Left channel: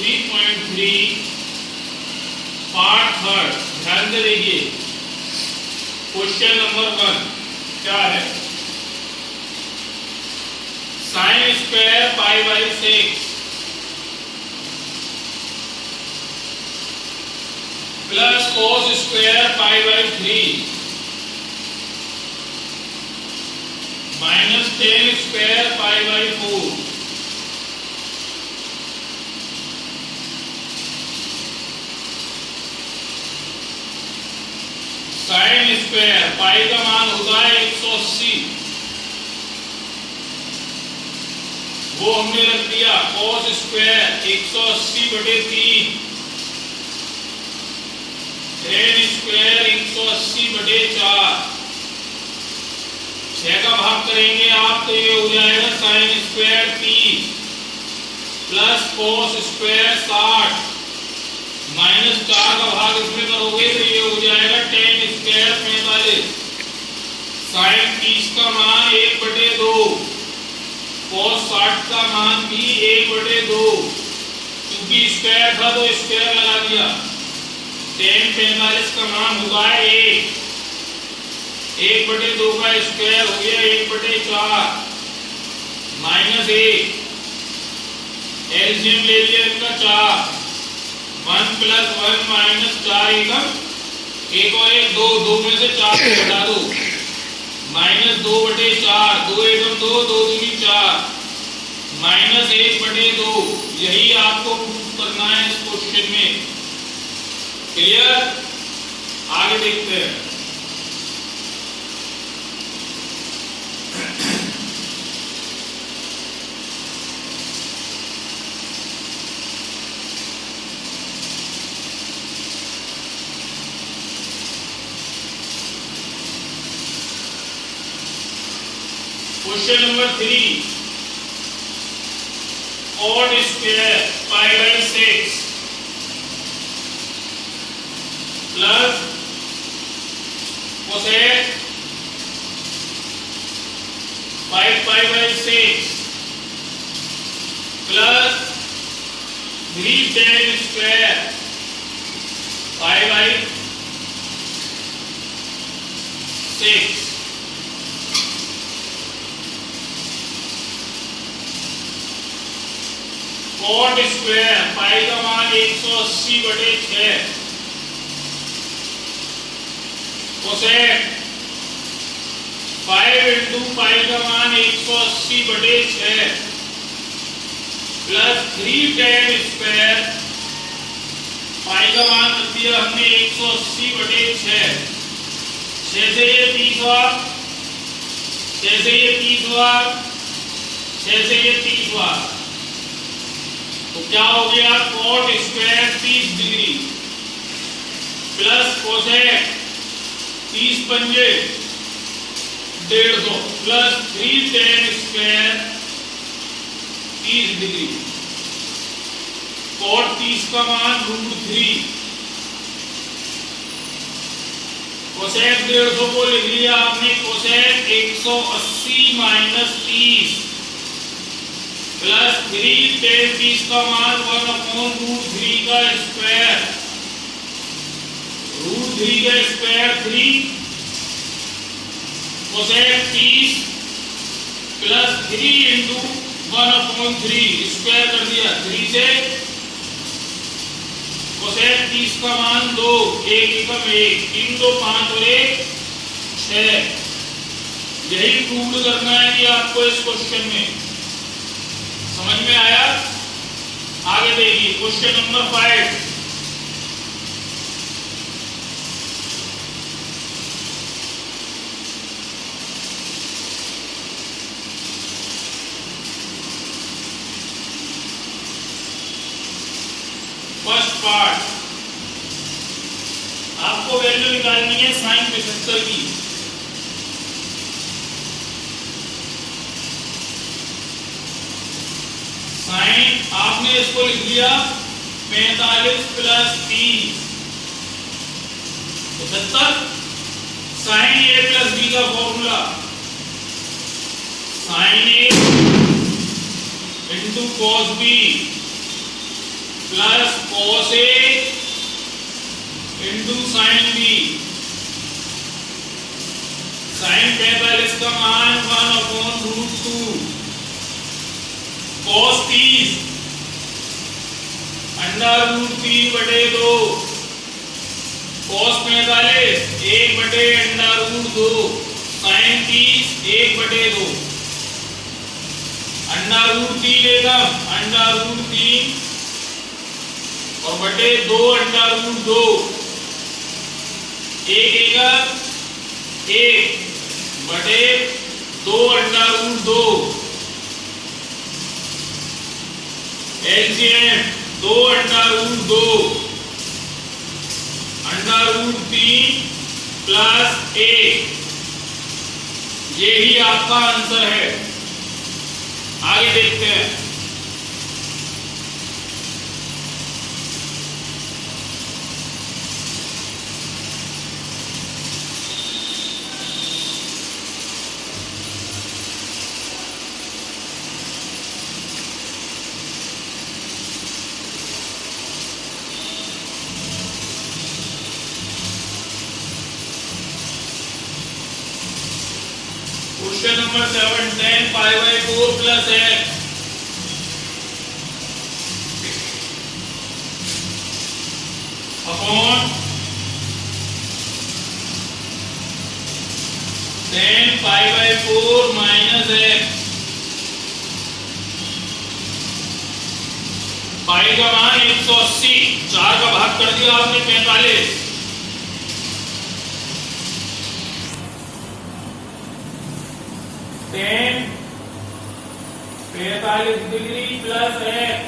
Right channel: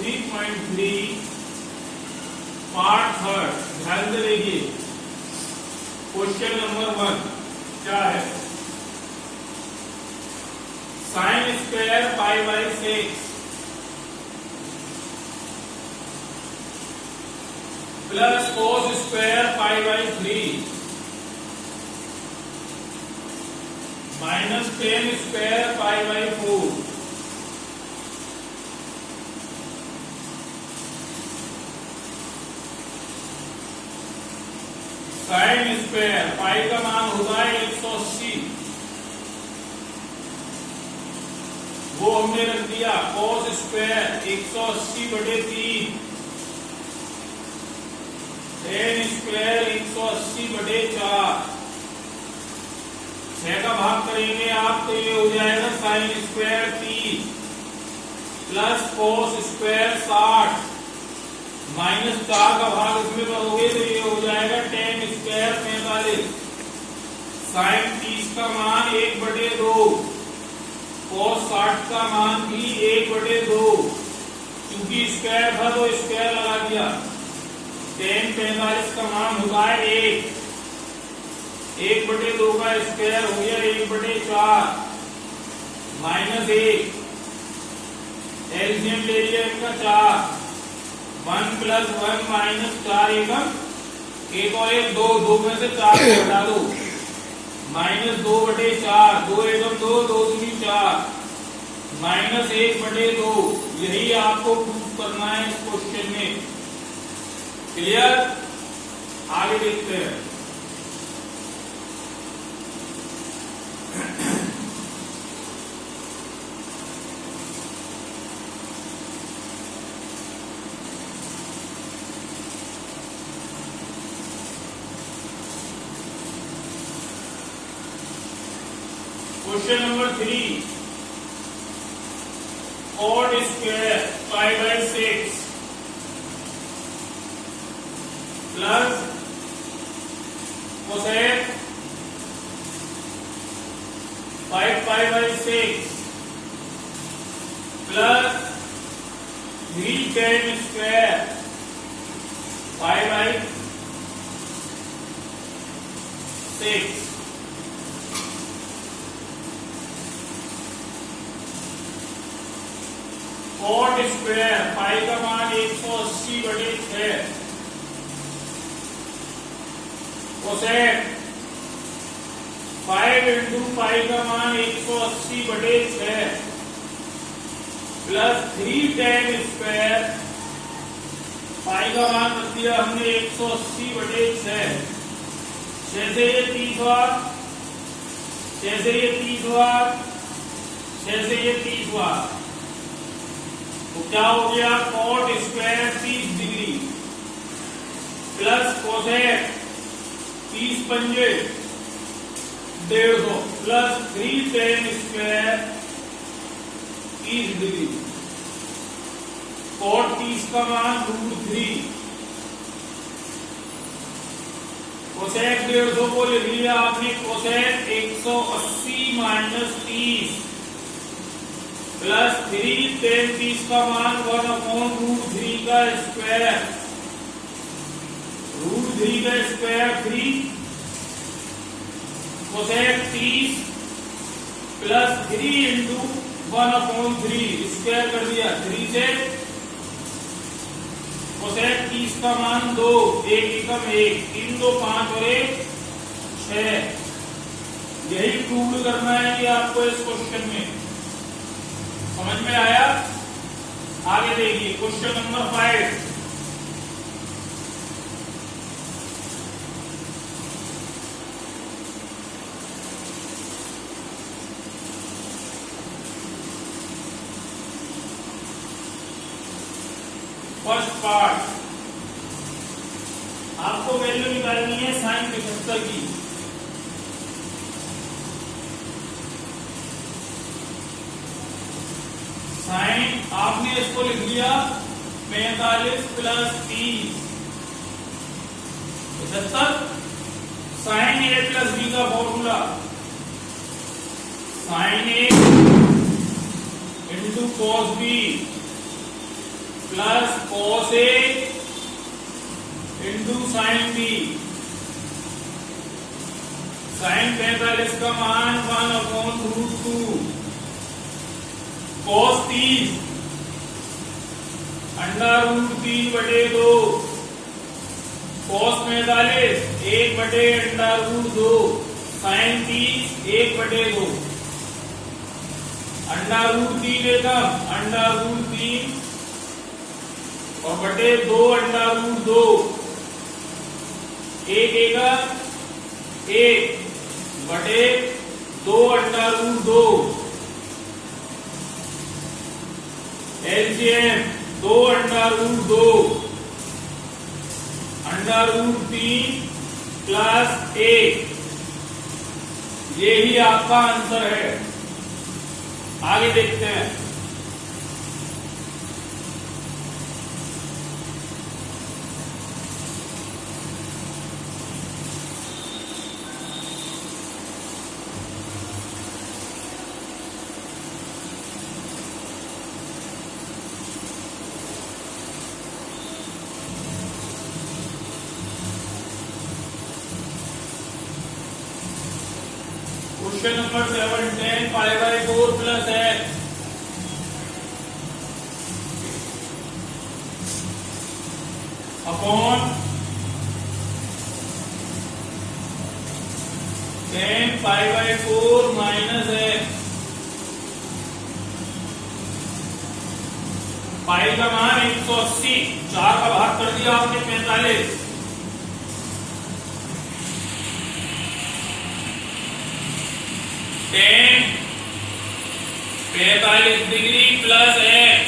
3.3 part third. ध्यान से देखिए, क्वेश्चन नंबर 1 क्या है? Sine square pi by 6 plus cos square pi by 3 minus ten square pi by 4 sine square pi का मान होता है 180, वो हमने रख दिया। कोस स्क्वायर 180/3, टेन स्क्वायर 180/4, 6 का भाग करेंगे आप तो ये हो जाएगा sine square 30 plus cos square 60 minus 4 का भाग इसमें करोगे तो ये हो जाएगा टेन स्क्वायर 45। साइन 30 का मान 1/2, कोस 60 का मान भी 1/2, क्योंकि स्क्वायर था तो स्क्वायर लगा दिया। टेन 45 का मान होगा 1, 1/2 का स्क्वायर हो गया 1/4 माइनस 1, एलसीएम ले लिया इनका 4, 1 + 1 - 4 एकम 1 और 1 2, 2 में से 4 को हटा दो, माइनस 2/4, 2 एकम 2, 2 दूनी 4 माइनस 1/2। यही आपको प्रूफ करना है इस क्वेश्चन में। क्लियर? आगे देखते हैं। Question number 3, cot square pi by 6 plus cosec 5 pi by 6 plus 3 tan square pi by 6। Cot square pi का मान 180/6, कोसेक 5 × पाई का मान 180/6 प्लस 3 टेन स्क्वायर पाई का मान रख दिया हमने 180/6। 6 से ये 30 हुआ, 6 से ये 30 हुआ, 6 से ये 30 हुआ, तो क्या हो गया? Cot square 30 degree plus cosec 30 पंजे 150 plus 3 tan square 30 degree. Cot 30 का मान √3, कोसेक 150 को लिख लिया आपने, कोसेक 180 - 30 प्लस 3 टेन 30 का मान 1/√3 का स्क्वायर, √3 का स्क्वायर 3, कोसेक 30 प्लस 3 × 1/3 स्क्वायर कर दिया 3 से, कोसेक 30 का मान 2, 1 एकम 1, 3 2 5 और 1 6। यही प्रूव करना है कि आपको इस क्वेश्चन में। समझ में आया? आगे देखिए क्वेश्चन नंबर 5। फर्स्ट पार्ट, आपको वैल्यू निकालनी है साइन 75 की। साइन आपने इसको लिख लिया 45 + 30 75। साइन ए प्लस बी का formula, sine A into cos B plus cos A into sine B। Sine 45 का मान 1/√2, cos 30 √3/2, cos 45 1/√2, साइन 30 1/2, √3 एकम √3 और बटे 2 √2, एक एकम 1 बटे 2 √2, एलसीएम 2 √2, √3 प्लस 1, यही आपका आंसर है। आगे देखते हैं। Question number 7, tan π/4 plus x upon tan π/4 minus x। Pi का मान 180, 4 का भाग कर दिया आपने 45, tan 45 degree plus x,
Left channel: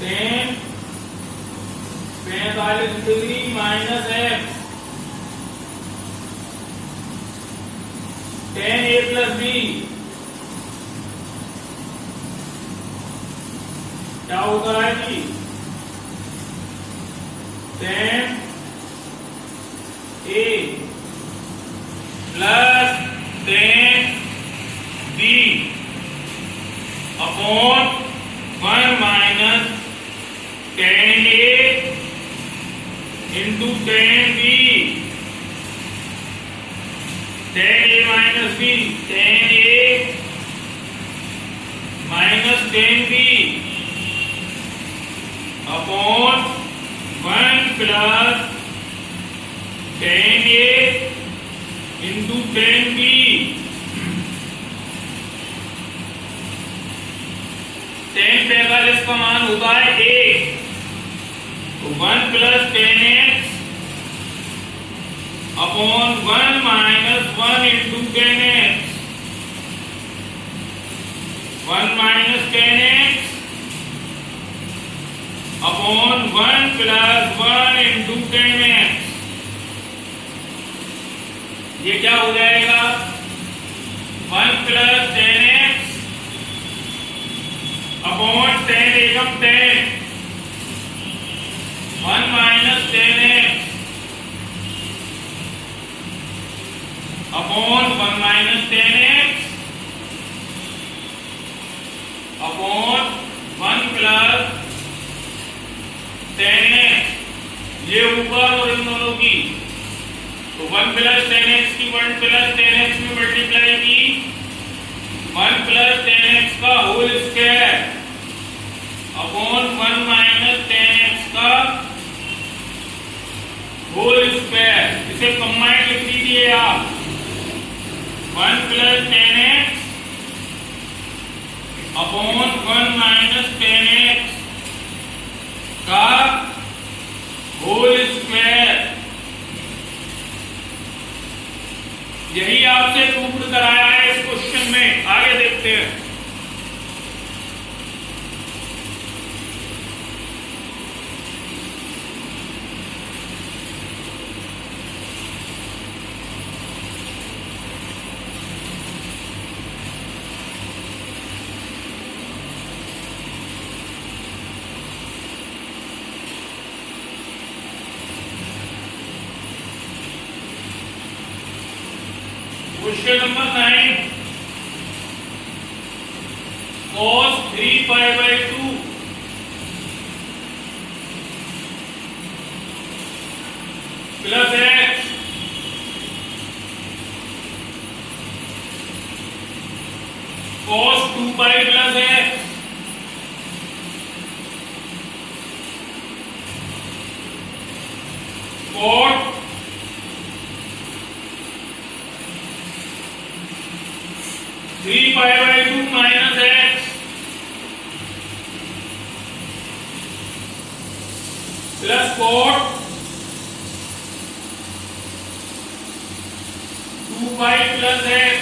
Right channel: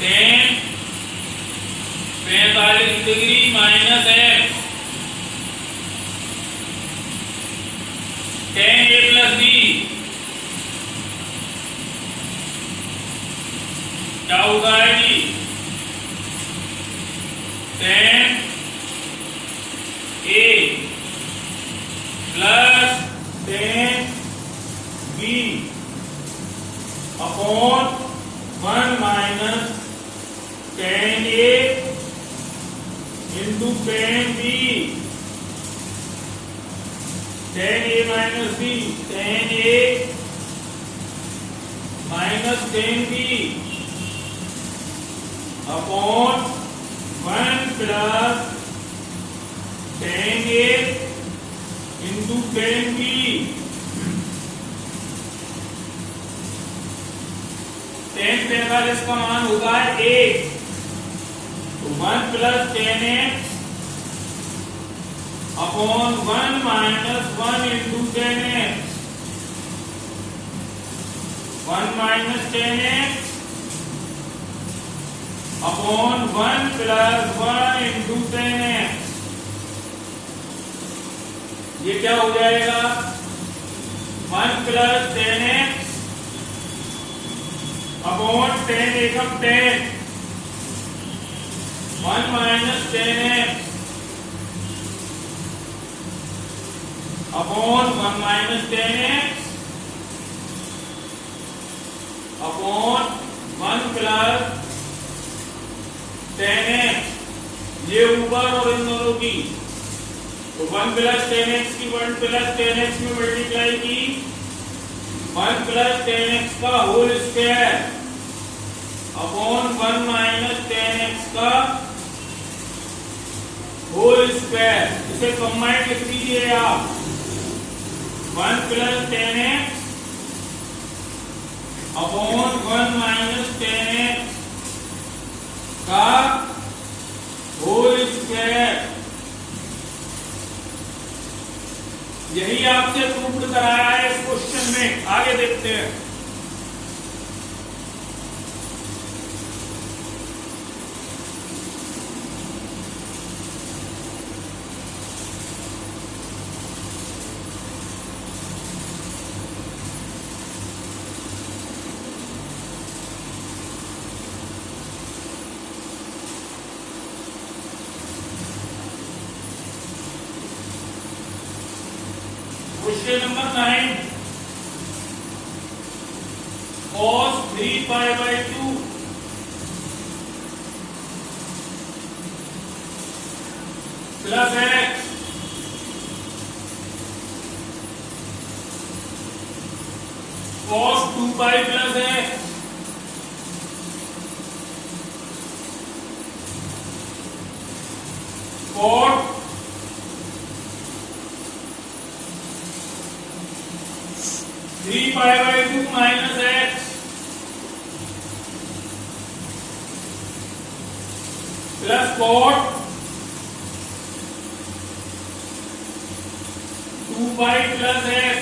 tan 45 degree minus x, tan a plus b, क्या होगा जी, tan a plus tan b upon 1 minus tan a into tan b, tan a minus b, tan a minus tan b upon 1 plus tan a into tan b। tan 45 का मान होता है 1, तो 1 plus tan x upon 1 minus 1 into tan x, 1 minus tan x upon 1 plus 1 into tan x। ये क्या हो जाएगा, 1 plus tan x upon tan एकम tan, 1 minus tan x upon 1 minus tan x upon 1 plus tan x, ये ऊपर और इन दोनों की, तो 1 प्लस tan x की 1 प्लस tan x में मल्टीप्लाई की, 1 प्लस tan x का whole square upon 1 minus tan x का होल स्क्वायर। इसे कंबाइंड लिख दीजिए आप, 1 plus tan x upon 1 minus tan x का होल स्क्वायर। यही आपसे प्रूव्ड कराया है इस क्वेश्चन में। आगे देखते हैं। Question number 9, cos 3 pi by 2 plus x cos 2 pi plus x cot 3 pi by 2 minus x plus cot 2 pi plus x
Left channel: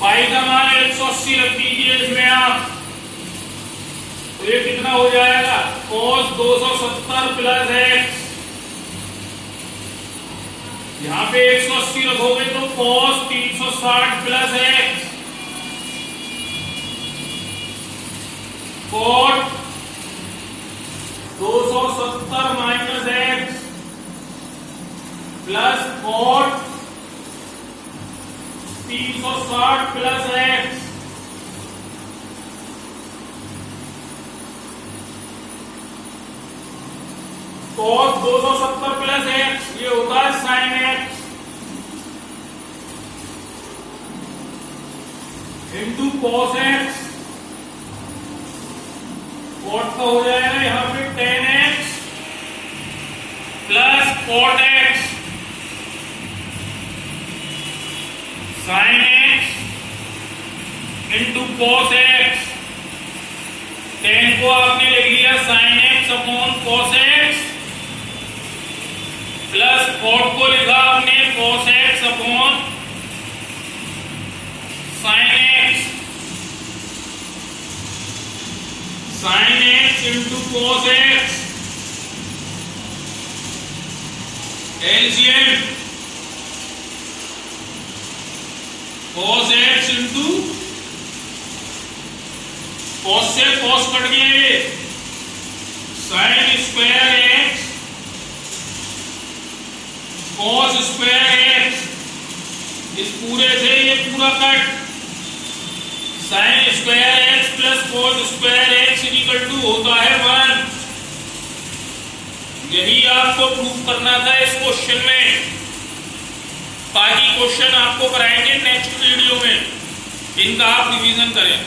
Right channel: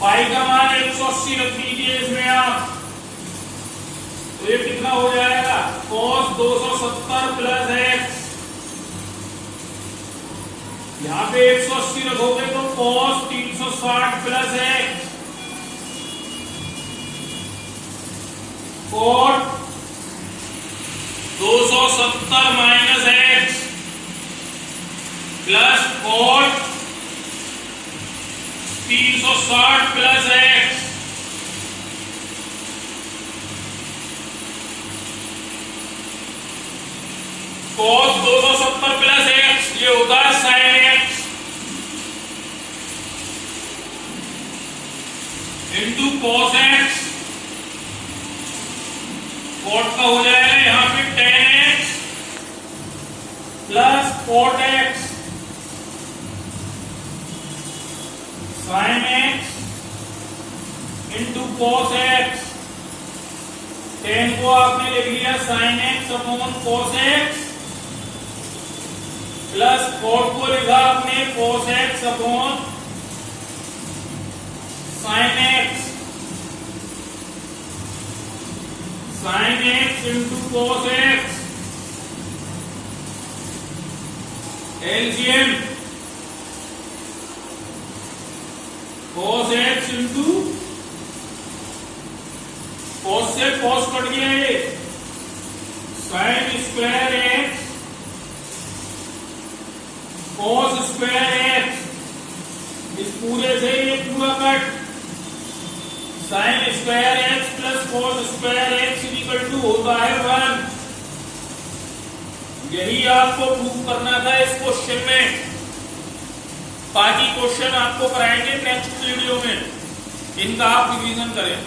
pi का मान 180 रख दीजिए इसमें आप, तो ये कितना हो जाएगा cos 270 प्लस x, यहां पे 180 रखोगे तो cos 360 plus x cot 270 minus x plus cot 360 plus x cos 270 plus x ये होता है sin x into cos x, cot का हो जाएगा यहां पे tan x plus cot x sin x into cos x, tan को आपने लिख लिया sin x upon cos x plus cot को लिखा आपने cos x upon sin x, sin x into cos x LCM cos x into cos से cos cut गया ये sin square x cos square x, इस पूरे से ये पूरा cut sin square x plus cos square x equal to होता है 1। यही आपको प्रूव करना था इस क्वेश्चन में, बाकी क्वेश्चन आपको कराएंगे नेक्स्ट वीडियो में, इनका आप रिवीजन करें।